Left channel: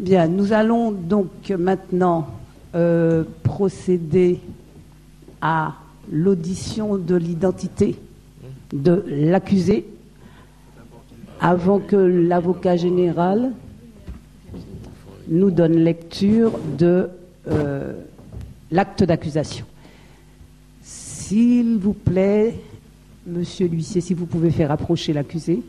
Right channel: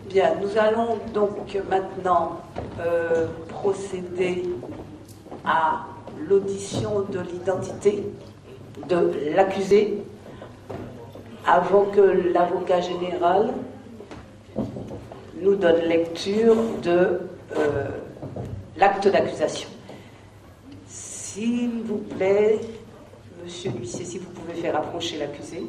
Bien, nous allons donc maintenant procéder à l'audition de l'identité de l'accusé avant que l'avocat général nous donne lecture de l'acte d'accusation. S'il vous plaît, monsieur l'huissier, si vous pouvez faire approcher l'accusé.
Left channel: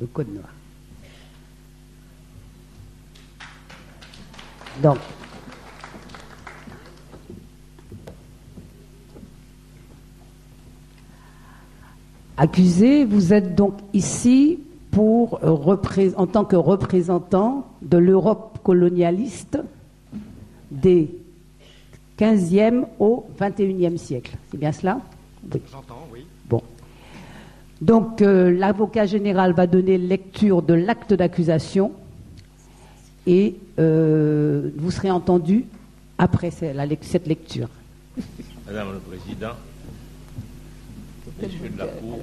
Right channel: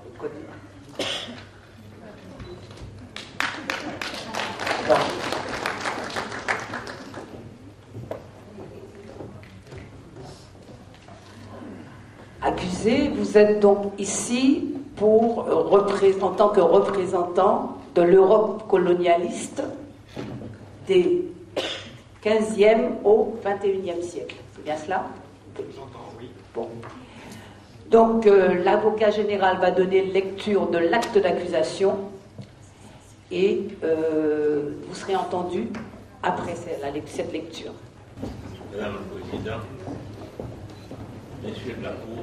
Le code. Donc, accusé, vous êtes donc ici pour en tant que représentant de l'Europe colonialiste des 15e au 21e siècle. C'est bien cela? J'entends, oui. Bon. Donc, l'avocat général va donner lecture de l'acte d'accusation et vous serez entendu après cette lecture. Madame le Président, Messieurs de la Cour,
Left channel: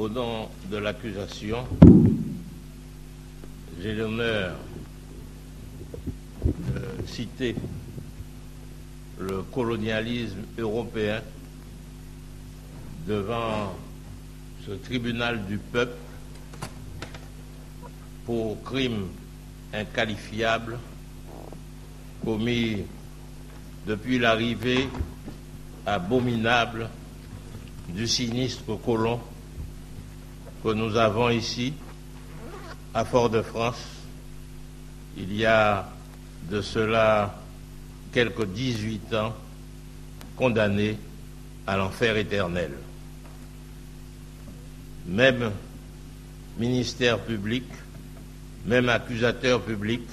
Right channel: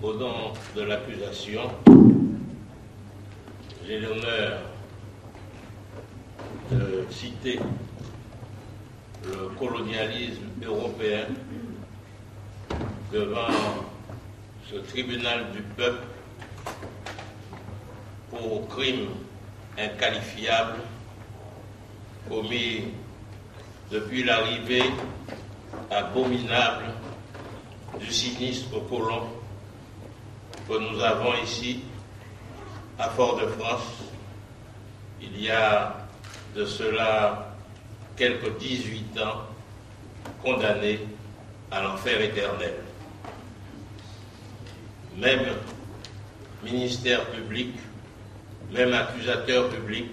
au nom de l'accusation, j'ai l'honneur de citer le colonialisme européen devant ce tribunal du peuple pour crimes inqualifiables commis depuis l'arrivée abominable du sinistre colon que nous avons ici à Fort-de-France il y a de cela quelques 18 ans, condamné à l'enfer éternel. Même ministère public, même accusateur public,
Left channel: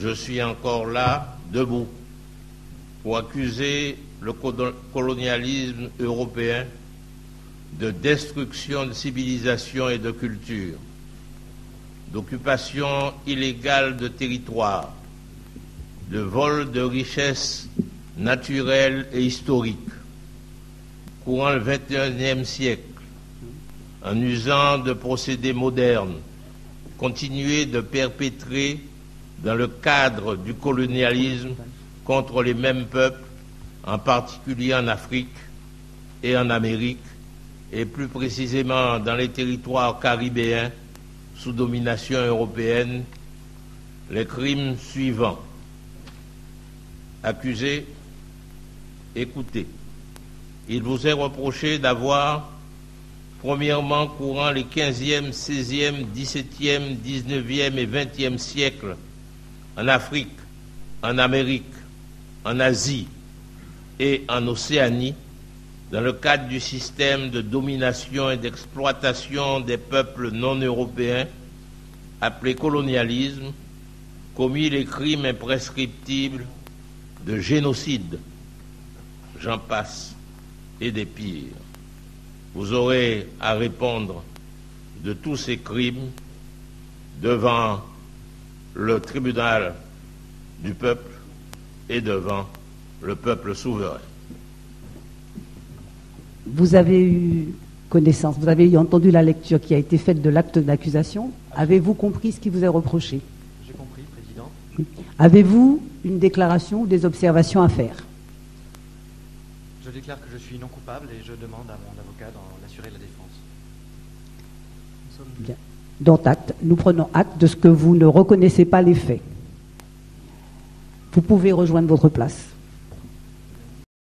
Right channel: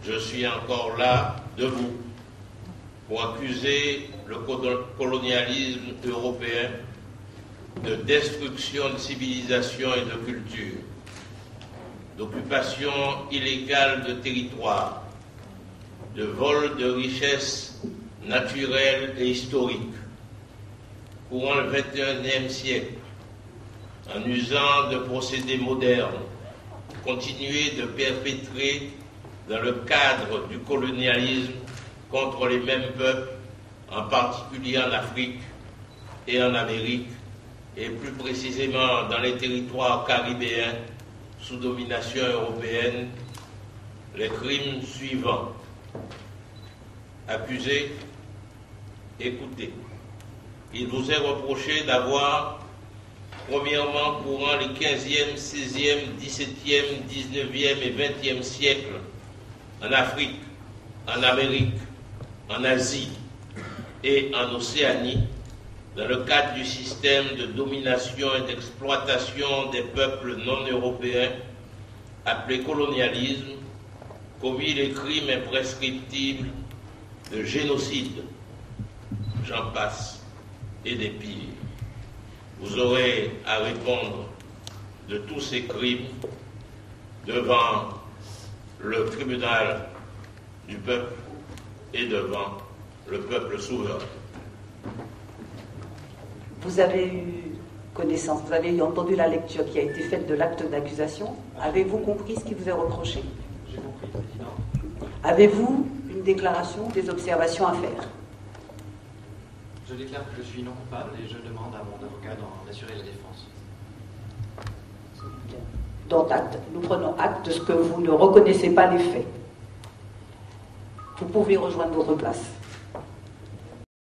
je suis encore là, debout, pour accuser le colonialisme européen de destruction de civilisation et de culture, d'occupation illégale de territoire, de vol de richesses naturelles et historiques, courant le XXIe siècle, en usant de procédés modernes, continuer de perpétrer dans le cadre du colonialisme contre les mêmes peuples, en particulier en Afrique et en Amérique, et plus précisément dans les territoires caribéens sous domination européenne, les crimes suivants. Accusé, écoutez, il vous est reproché d'avoir, premièrement, courant les 15e, 16e, 17e, 19e et 20e siècles, en Afrique, en Amérique, en Asie et en Océanie, dans le cadre du système de domination et d'exploitation des peuples non européens, appelé colonialisme, commis les crimes imprescriptibles de génocide, j'en passe, et des pires. Vous aurez à répondre de tous ces crimes devant le tribunal du peuple et devant le peuple souverain. Vous avez eu connaissance, vous avez entendu la lecture qui a été faite de l'acte d'accusation. Avez-vous compris ce qui vous est reproché? J'ai compris, Président. Avez-vous une déclaration ou des observations à faire? Je déclare que je suis non coupable et je demande à mon avocat d'en assurer la défense. Bien. Dont acte, nous prenons acte de ce que vous ne reconnaissez pas les faits. Vous pouvez rejoindre votre place.